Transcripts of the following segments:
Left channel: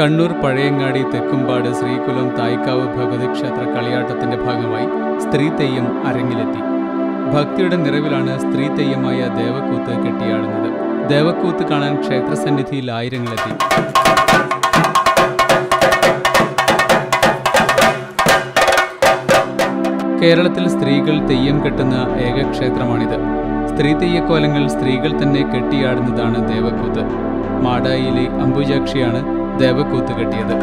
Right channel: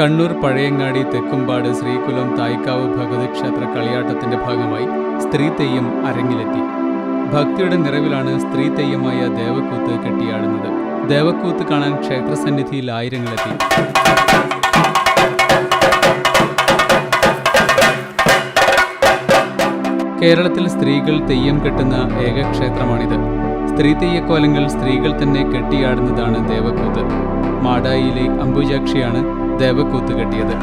കണ്ണൂർ പഴയങ്ങാടി തെക്കുംപാട് ശ്രീകുലം തായ്ക്കാവ് ഭഗവതി ക്ഷേത്ര കളിയാട്ടത്തിന്റെ ഭാഗമായി സ്ത്രീ തെയ്യം അരങ്ങിലെത്തി. ഭക്തിയുടെ നിറവിലാണ് സ്ത്രീ തെയ്യമായ ദേവക്കൂത്ത് കെട്ടിയാടുന്നത്. ദേവക്കൂത്ത് കാണാൻ ക്ഷേത്രസന്നിധിയിൽ ആയിരങ്ങളെത്തി. കേരളത്തിൽ സ്ത്രീകൾ തെയ്യം കെട്ടുന്ന ഏക ക്ഷേത്രമാണിത് സ്ത്രീ തെയ്യക്കോലങ്ങൾ സ്ത്രീകൾ തന്നെ കെട്ടിയാടുന്നതാണ് ദേവക്കൂത്ത്. മാടായിയിലെ അംബുജാക്ഷിയാണ് ദേവക്കൂത്ത് കെട്ടിയത്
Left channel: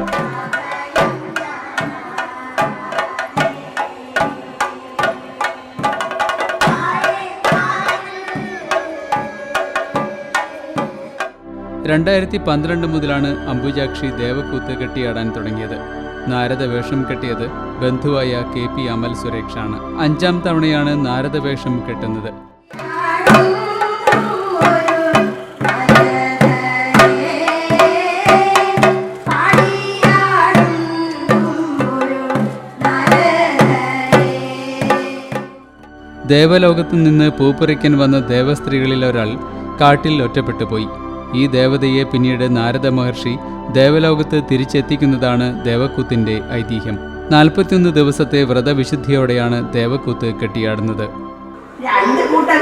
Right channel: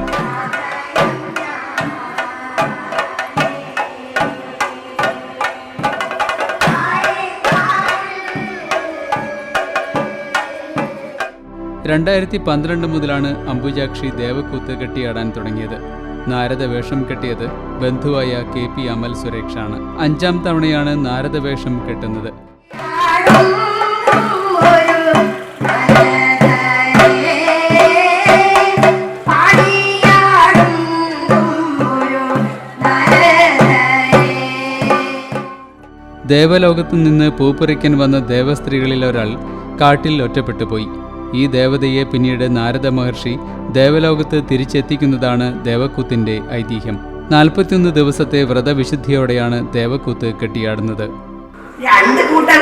രണ്ടായിരത്തി പന്ത്രണ്ട് മുതലാണ് അംബുജാക്ഷി ദേവക്കൂത്ത് കെട്ടിയാടാൻ തുടങ്ങിയത്. നാരദ വേഷം കെട്ടിയത് ബന്ധുവായ കെ പി അമൽ സുരേഷാണ്. അഞ്ചാം തവണയാണ് നാരദ വേഷം കെട്ടുന്നത്. ദേവലോകത്തു നിന്ന് പൂപ്പറിക്കാൻ വന്ന ദേവസ്ത്രീകളിൽ ഒരാൾ കാട്ടിൽ ഒറ്റപ്പെട്ടു പോയി. ഈ ദേവതയെ പിന്നീട് നാരദ മഹർഷി ദേവലോകത്ത് തിരിച്ചെത്തിക്കുന്നതാണ് ദേവക്കൂത്തിന്റെ ഐതിഹ്യം. നാൽപ്പത്തിയൊന്ന് ദിവസത്തെ വ്രതവിശുദ്ധിയോടെയാണ് ദേവക്കൂത്ത് കെട്ടിയാടുന്നത്. രണ്ട് കൂട്ടം